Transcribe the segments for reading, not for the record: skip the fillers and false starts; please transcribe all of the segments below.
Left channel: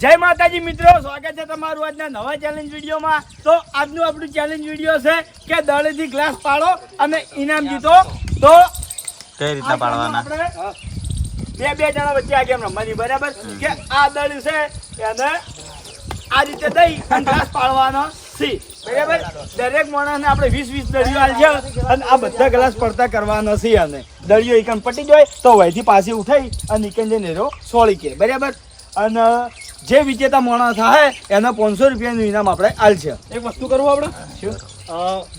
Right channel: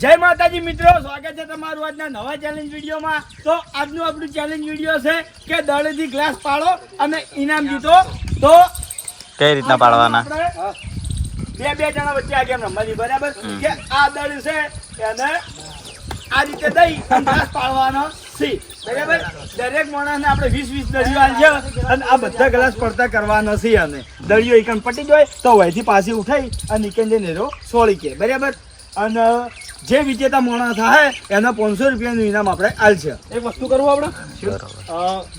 જય માતાજી મિત્રો, સ્વાગત છે તમારું આજના નવા ચેલેન્જ વિડીયોમાં। તો આજનું આપણું ચેલેન્જ વિડીયો છે કે દળેથી ગ્લાસ પાડો અને ઇનામ જીતો। તો કઈ રીતના પાડવાના? બે જણા વચ્ચે આ ગેમ રમવાની, બરાબર? કે આ દળ છે એને આ રીતે દઈ અને ગ્લાસ પાડવાનો છે, બરાબર? દરેક માણસને આપણે 20-20 દળીઓ આલ છે અને આ બધા ગ્લાસ પડતા કરવાના છે। અને દળીઓ એકન પટી જાય તો વહીથી પાછી ઉઠાઈ અને નીકળી જઈને એરો સોળી કે, બરાબર? અને જે વિજેતા માણસ થાય એના 500 રૂપિયાનું ઇનામ આપણે આલ છે। એક વસ્તુ કરવું આપણે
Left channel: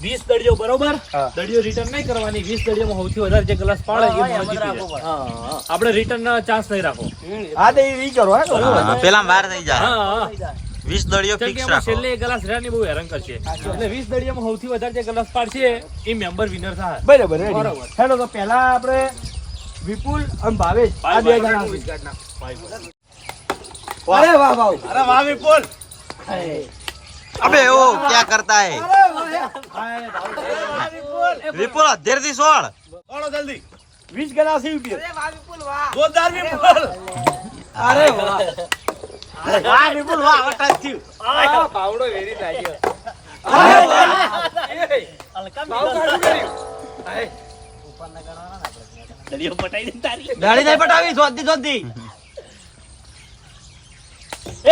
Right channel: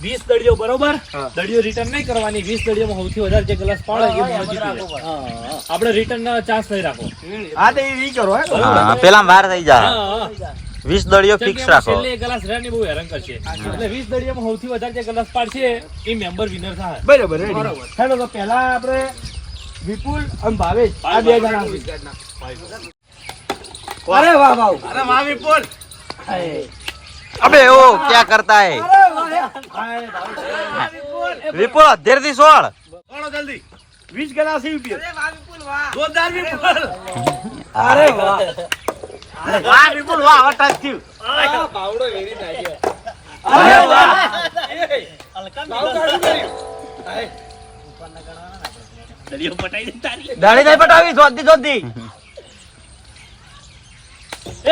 20 દળીઓ, બરોબર? દળીઓ રિટર્ન નહીં કરવાની। 20 દળીઓમાં સૌથી વધારે જે ગ્લાસ પાડે એ આપણે રિટર્ન ના ચાન્સ નહીં રાખો। હા, તો એ કરો પેલા વાર થઈ જાય। 20 દળીઓ ફિક્સ રાખો। છેલ્લે એક ગ્લાસ રહ્યા ને બહુ હેરાન કરશે, એટલે 20 દળીઓમાં સૌથી વધારે જે ગ્લાસ પાડશે એ મેમ્બર વિનર થાય। બરાબર, હેડો તો પહેલા આપણે વિપુલ અને ભાવેશ આ બે જણા अरे वाह भाव, અરે વાહ વિપુલ, अबे वो क्या करता है विपुल? देर दी सोल કોણ જલ્દી 20 ગ્લાસ ही पी। જોરદાર વિપુલ, अरे वाह वाह विपुल वाह टच थी। બાવડો વેરી નાખ્યો। अरे वाह બાવ કાઢું કરી દળીઓ પટાઈ દે તારી। દાડી નહીં પટાવી, જોતી જોતી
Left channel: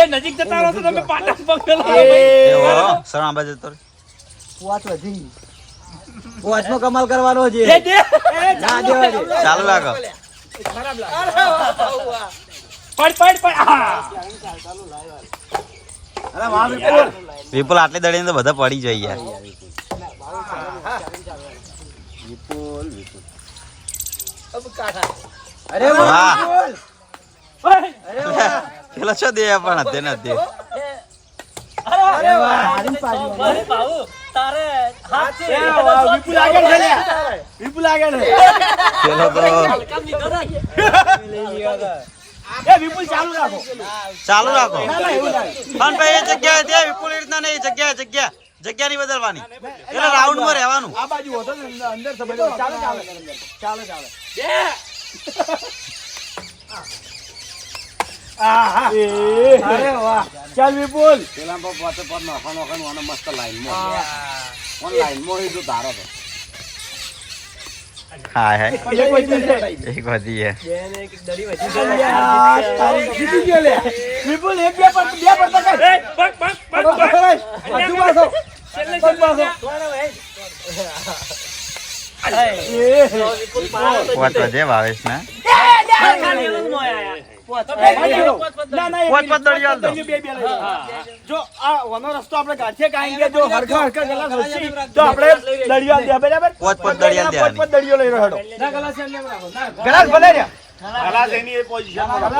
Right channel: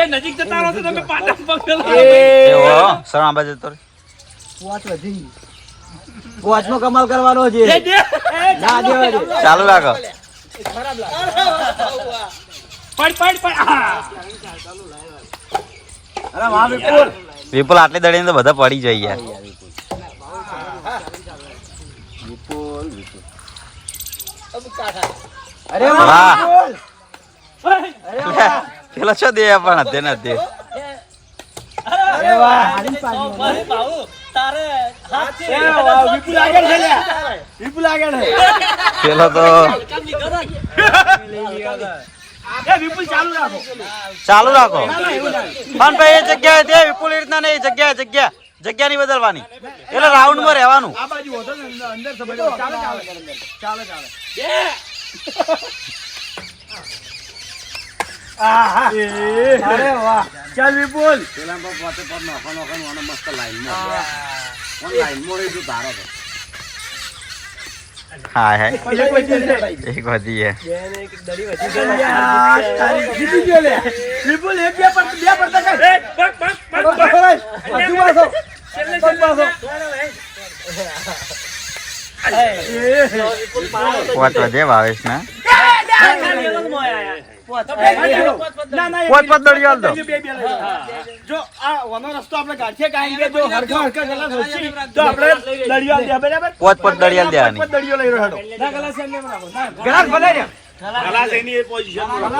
એ નજીક જતા રહો તો તમે પાટા પકડો। એ વો સરા બાજુ તો પોચ વધી પોચનો કમાલ કરવાનો છે। દે દે ના દેવા દે, ચાલુ રાખો। ખરાબ લાગે। પડ હા। અરે વાહ વિપુલ, વિપુલ આટલી દળીને તો બધા પડી જાય યાર। અરે વાહ। વાહ વિપુલ, પેલો છો દે પણ હતે ને દે। અરે વાહ હારી પાડી બાબુ તારે હાથ છે। એ વાહ વિપુલ આગળ છે લે, વિપુલ આગળ છે। પેલો તો એ વિપુલ ચાલુ રાખો, ચાલુ રાખો। ના ના એવું ના, પણ ભાઈ એ જગ્યાએ દે વિપુલ, એ રીતના નહીં। જગ્યા નહીં બદલવાની, એટલે રાઉન્ડ માં રહેવાનું। આ બાજુ હોતો ને અંદર સમજો, ચાલે ચાલે ચાલે ચાલે આહા અરે વાહ, ચાલ વિપુલ હા હે એક વધી છે। એક વધી હે। જીતી ગયો લે વિપુલ, એક બે પડતા કર, હજુ પાછો પોચ વધે ભાવેશ ને। પોચ દળીઓ આલ દો। જો આ વાનો રસ્તો આપણે કાઢીએ, કારણ કે જો હરખા ગલાસ હશે તો આપણે દળિયો આલ દે, બરાબર? પોચ દળીઓ આલ દેવાની। પોચ દળિયો લઈ રહ્યો ના, ગલાસ એમને એમ રાખો ના, ગલાસ બનાવ્યા ગલાસ એની પોઝિશનમાં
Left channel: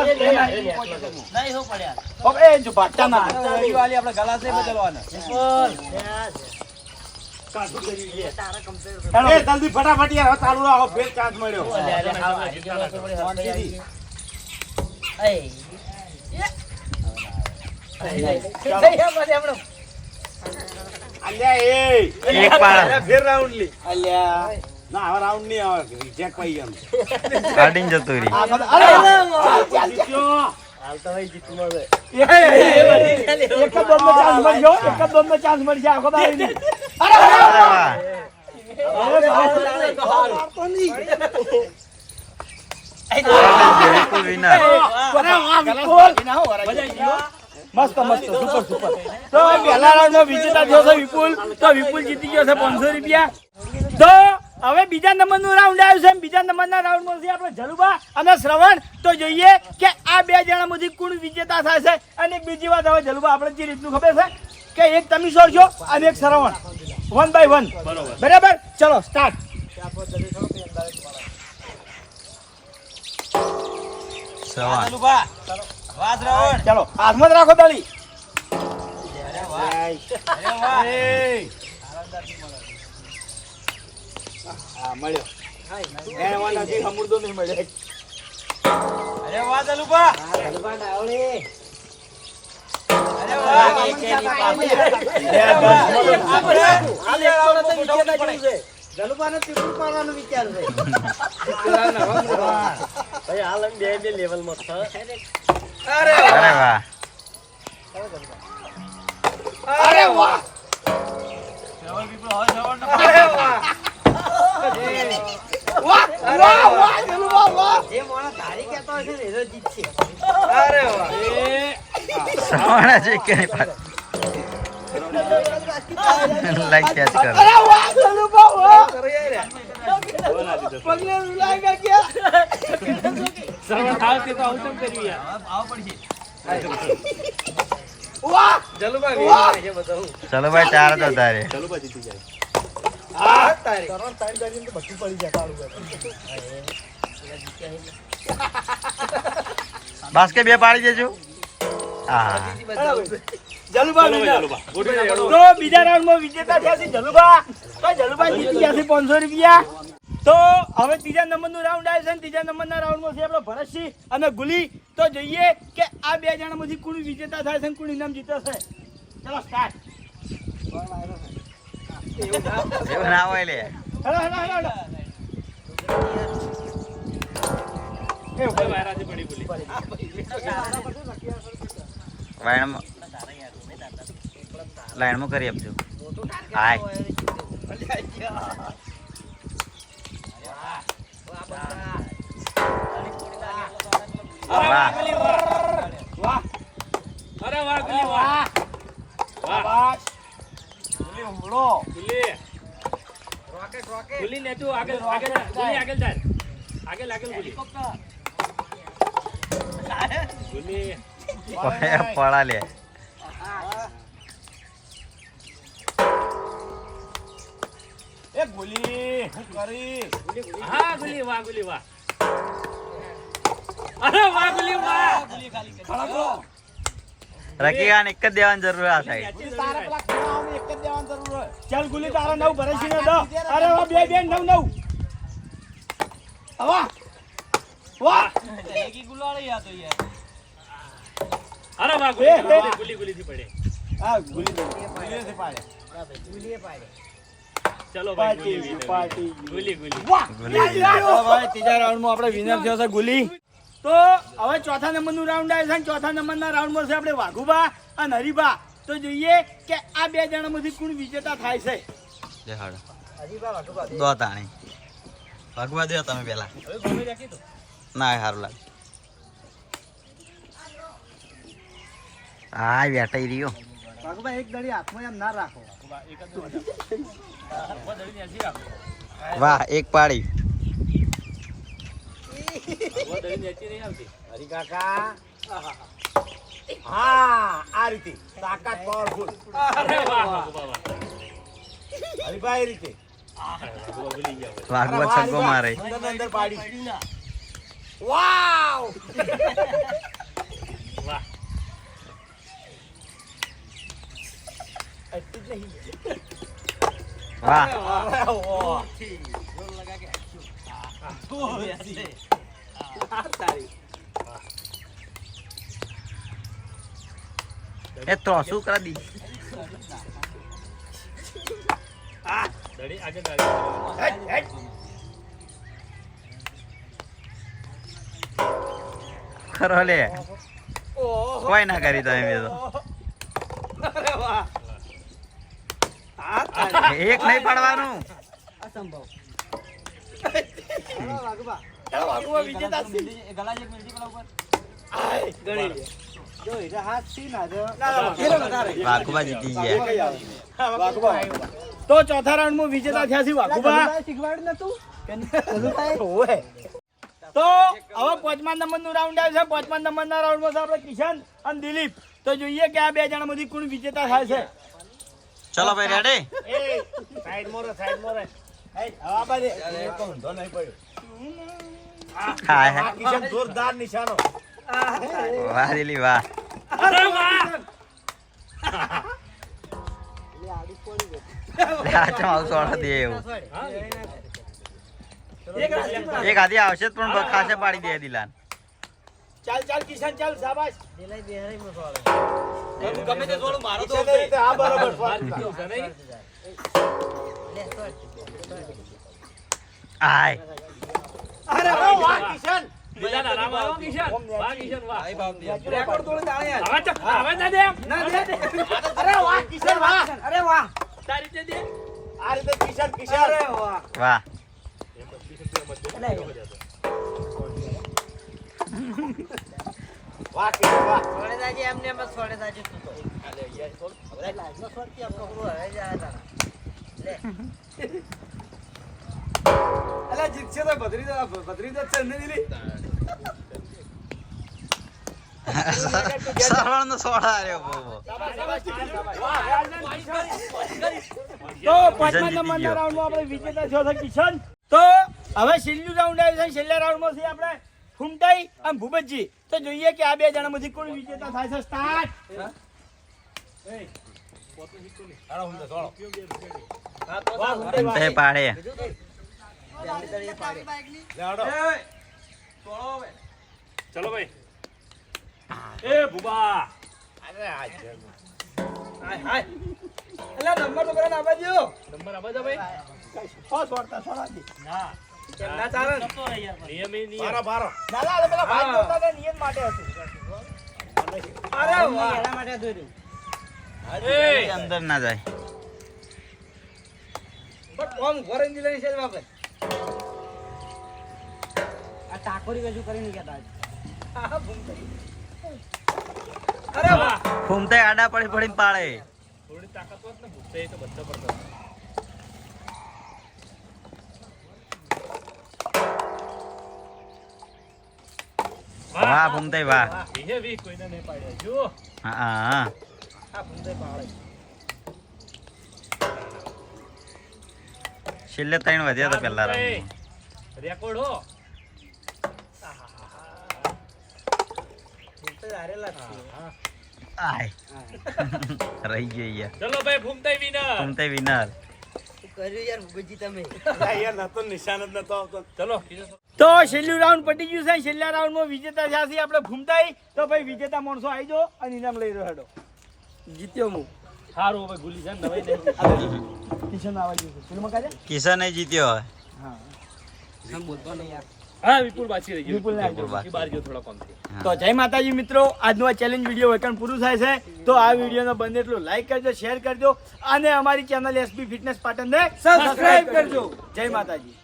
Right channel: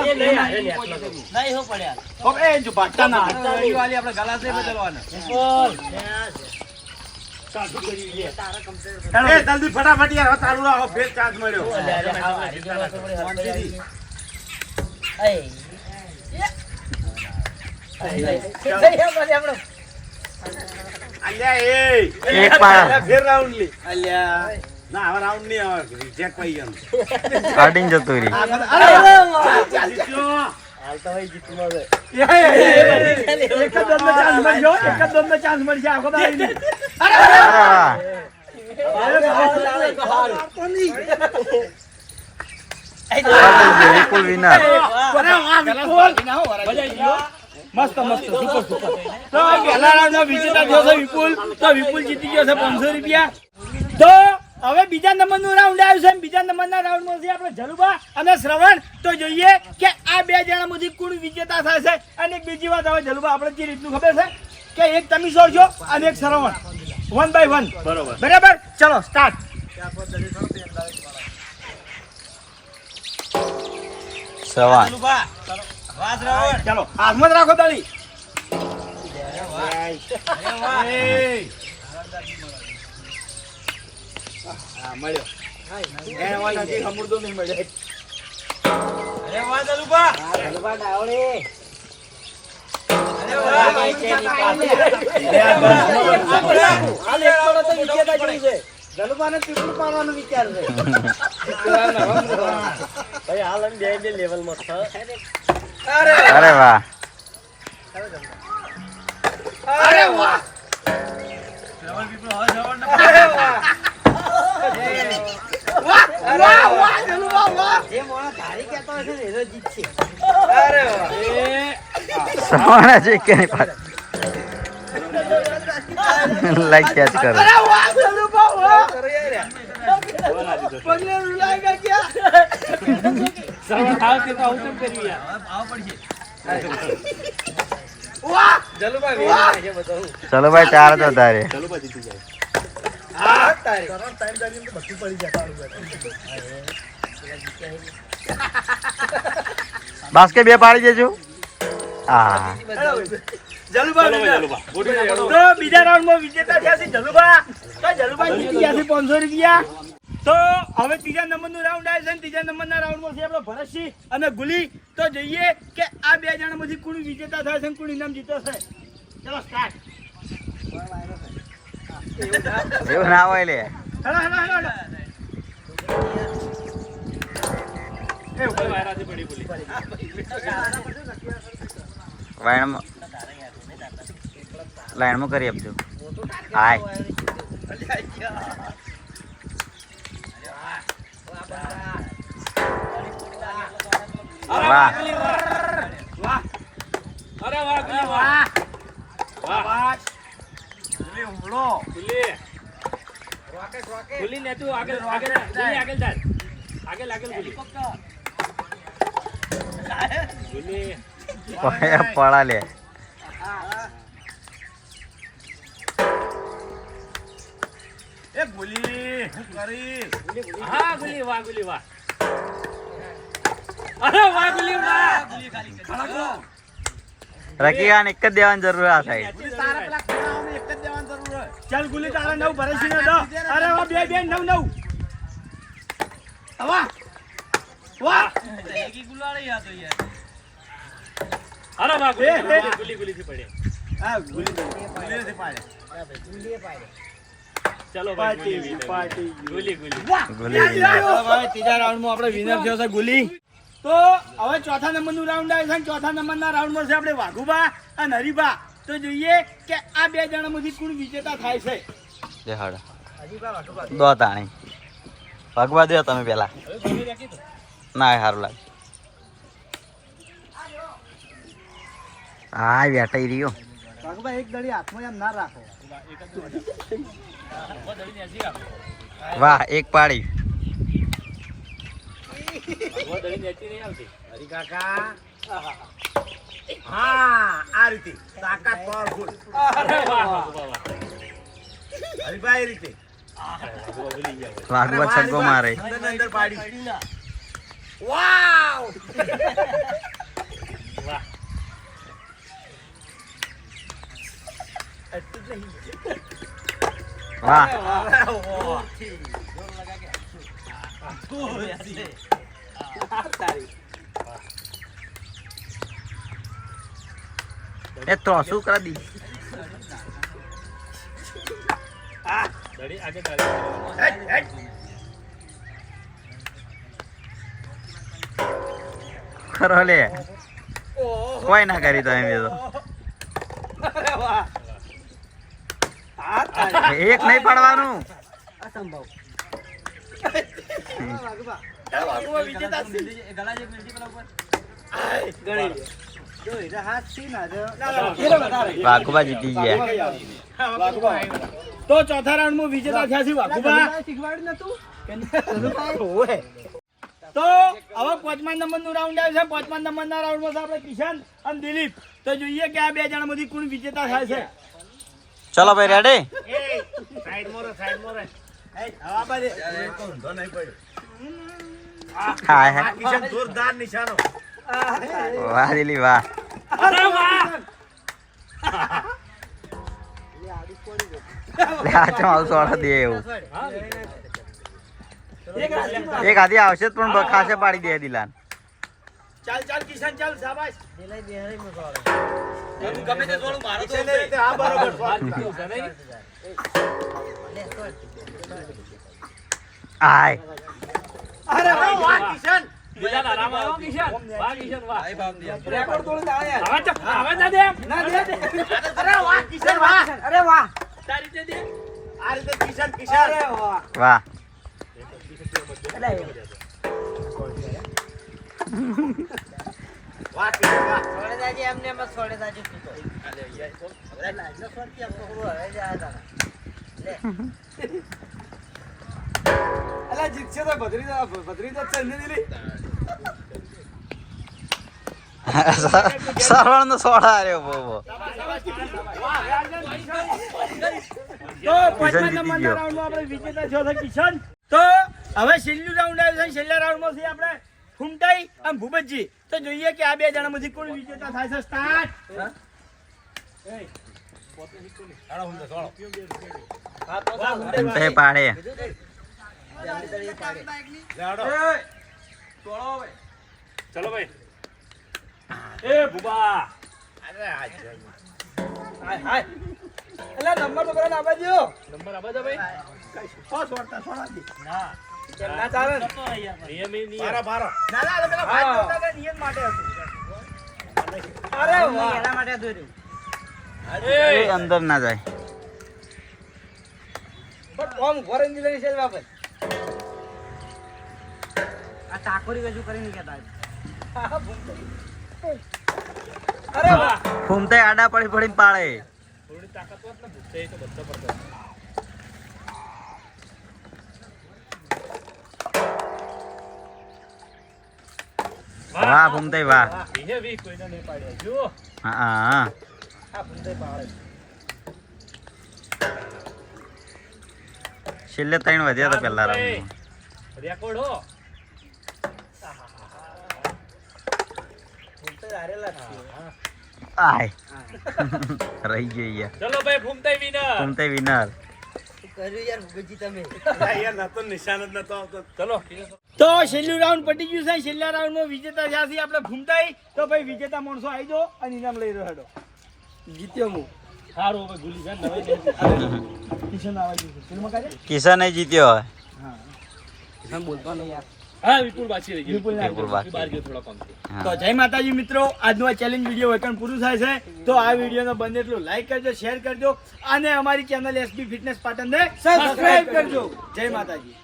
નહીં હો પડ્યા હવે એ જો બાટા ના દળિયો આલી આપણે ગલાસ નહીં બદલવાના। એ જલ્દી ફટાફટ યાર ચાલુ રાખો, ફેર ચાન્સ મળ્યો। અલ્યા એક પાડ ફેર રાઉન્ડ લી। અલ્યા ના હવે રાઉન્ડ નહીં આવે, રિજેક્ટ થઈ ગયું। કાઢીને જતું રહી। એક જ દોડનો ચાન્સ મળ્યો, એક જ દોડનો ચાન્સ મળી જાય આખો દાડી નહીં। અરે વાહ। વિપુલ વિનર। મસ્ત મસ્ત સુપર સુપર। તો પહેલા રાઉન્ડનો વિજેતા થયો છે વિપુલ, તો વિપુલ જીતી ગયો છે 500 રૂપિયા। તો હવે બીજા નંબરનું રાઉન્ડ આવ્યું છે। બીજા નંબરના રાઉન્ડમાં છે આપણે જલુબા અને શ્રવણ। તો જોઈએ કે આ બે જણામાંથી કોણ વિજેતા થાય છે। અને એક બીજી વાત, હવે જલુબા આપણે જે રીતનું ખબર છે કે એક તમે સોરજો અને એક શ્રવણ, 1 by 1, બરાબર? ચલો સ્ટાર્ટ। સવાન ચલો હાથમાં જ રાખો તાળી। હા મળ્યો, એને વાળા જે સમુદ્ર નહીં મળ્યો। અરે વાહ જલુબા, જલુબા ડાવળી, અરે વાહ ભાઈ કેની પાસે હાલ એક તો વિજેતા જેવું છે। જલુબાને ત્રિપુલ પાડવાનું વિચાર છે ભાઈ, હાલ બે લેવલમાં છે। અરે વાહ। સવાણા છે કે નહીં પાડે લાઈક કેચ કરો સર્વર થાવ તે તો આવું કેમ કર્યું યાર? ચલો ભાઈ ચાર તો તારે ચાલો બા જીતી જાય. બાસ્કેટ બે પાડી દેજો હા જલુભા ચાલો winner. ભાઈ, ચાલો બા. ગોઠવી નાખો. તો બીજા રાઉન્ડમાં વિજેતા થયા છે જલુભા. તો જલુભા જીતી ગયા છે 500 રૂપિયા. તો હવે ત્રીજા નંબરનું રાઉન્ડ આવે છે ને ત્રીજા નંબરના રાઉન્ડમાં છે આપણો ભરતસિંહ અને ગુલી. તો જોઈએ કે આ બે જણામાંથી કોણ વિજેતા થાય છે અને કોણ ઇનામ જીતે છે. ચલો સ્ટાર્ટ. એવું ના હોય લે હેલો હેલો હેલો હવે વાયરાથી પડી બોલી. લાઈનમાં કરી આપજો હાય વાહ વાહ અરે વાહ ગુલી વાહ. વાહ શાબાશ. ગુલી હુમલો. ગુલી. ગુલી ને તું આગળ આગળ ગુલી આગળ જા. આગળ આગળ ગુલી. ગુલી. પડા લે એ ગુલી હું કરી હા ગુલી વાહ ગુલી વાહ. અરે વાહ ગુલી વાહ. રકીયાન એક જ દેવાની જરૂર આ થાય તારા પેલા ખાનાઓને એક જ દેવાની જરૂર હોય. ચાલ ગુલી તારા 9 ભરતસિંહને દો. અરે વાહ બે બે 9 9 વાહ વાહ અરે વાહ ગુલી ગુલી ગુલી થી પડે. હા ગુલી ગુલીથી પાડે. ચલો ભાઈ party Guli winner. Party Guli Guli. વાહ ગુલી હવે ત્રીજા રાઉન્ડમાં આપણે વિનર થયો છે ગુલી. તો હવે ચોથા નંબરનું રાઉન્ડ આવે છે અને ચોથા નંબરના રાઉન્ડમાં છે આપણે વાઘુબા અને હરીબા. તો જોઈએ કે આ બે જણામાંથી કોણ વિજેતા થાય છે. દેખાડો દો તાણી ભગવા દો તમે પેલા ના સારું લાગે હા વેટાઈ રહ્યો વાઘુબા એક દડી હાથમાં એમ ના રાખો. વાહ એક પાડી હરી કાકા હા આ રીતે તાકાત પાવરફુલ. અરે વાહ વાહ વાહ. હરીભાઈ રીતે ભૂલી ગયા. વાઘવા છગ્ગો મારે અંદર પાડી. વાવ વાહ. વાહ એ તો શું કરી દી દડી આગળ ડાળી. ખરો લે કોઈ ના કરી તો એમ એ તો એક નહીં પાડવાનું વાઘુબા વિજેતા છે. વાઘુબા જીતી ગયા વાઘુબા. તો ચોથા રાઉન્ડમાં વિજેતા થયા છે વાઘુબા. ઓવે. તો હવે પાંચમા નંબરનું રાઉન્ડ આવે છે. પાંચમા નંબરના રાઉન્ડમાં છે આપણે કિશન અને દિલીપ. તો જોઈએ કે આ બે જણામાંથી કોણ વિજેતા થાય છે. ચલો ભાઈ રેડી સાઈડ મોરે સાઈડ મોરે. હવા બાજે. હા હા કિશન જોરદાર નિશાનો. વાહ દિલી વાહ અરે વાહ. આચો આવતો દે એવું એક આધી આવશે જ પણ ખાસે પાડી દે દિલાન ચાલ ચાલ કિશન ચાલ શાબાશ. ગમે તે થોડું મારો તો હા બરોબર. આય અરે વાહ કિશન બીજાના આરામ આવો કિશન વાહ કિશન વાહ રેકોર્ડ તોડીને આવે યાર. હવે ચપ હવે ના દે ના દે. અરે વાહ કિશન વાહ. અરે વાહ. તારી રીતે દે આ રીતે કિશન કિશન. અરે વાહ. વાહ વાહ કિશન વાહ. અલા જીતશે તો ભદ્રી તો ચલ નહીં લી. સરવણ નો સોડા આવ્યો બહુ તો પાંચમા જીતી નંબરના ગયો. રાઉન્ડમાં આપણે વિજેતા થયો છે કિશન. તો હવે છેલ્લું રાઉન્ડ આવ્યું છે. છેલ્લા રાઉન્ડમાં છે આપણે ફૂમતાઈ અને ભૂપતજી. તો જોઈએ કે આ બે જણામાંથી કોણ વિજેતા થાય છે. સ્ટાર્ટ. તે પાડે ચલો ભાઈ એ ભુબા હાય હાય. અલા નંબર તો બરાબર આપવા દ્યો. નંબર આપા દો ભાઈ સોળાજી. ના કેમ ના ચાલે ને? નિયમ એ નિયમ ના ના આ પેલા ભાઈ બોલતા હતા, નિયમ માટે હતું. અરે વાહ. એ અંદર ના જાય બટ ઓમ વોરંટી લઈને છે બાપા. હા, ભૂમતાઈ. અરે વાહ. ફૂમતે આડા પડી પડીને પાડે થોડી તાકાત હોત ને ભૂખતે તો બધો પડતો વાહ ફૂમતે વાહ વિહે વી કોઈને નહીં પાડ્યા જો હા હા આ ભૂમતાઈ પાડે. છેલ્લે ત્રણ વધ્યા હતા પેલા રાઉન્ડમાં રેકોર્ડ હો ભૂમતાઈ હારેલા જ છે. આય રહી ગઈ યાર ચલો ભાઈ ફૂમતાઈ વિનર ફૂમતે વિનર ચલો તો છેલ્લું રાઉન્ડ પતી ગયું છે. છેલ્લા રાઉન્ડમાં વિજેતા થયા છીએ આપણે ભૂમતાઈ. તો ભાઈ વિજેતા માણસો આવી જાઓ અને ઇનામ લઈ રહ્યો હેડો. જીત્યો હું. સારું હવે ભૂલી જા નવાઈ નહીં કિશન આવવા ગયું છે. ફિલ્મ કાઢે? કિશન જીત્યો હવે હા. હા વિપુલ બાકી રહી ગયું વિપુલને આપજો. વિપુલ બાકી. બહાર ગયો થોડો કામ થી હા. તો જય માતાજી મિત્રો, આજનો આ ચેલેન્જ વિડીયો વેકન પૂરું થાય છે. તો આ વિડીયોને બને એટલું લાઈક કરજો, શેર કરજો અને અમારી ચેનલ એસબી ફિટનેસ પાટણને સબસ્ક્રાઇબ કરજો. જય માતાજી.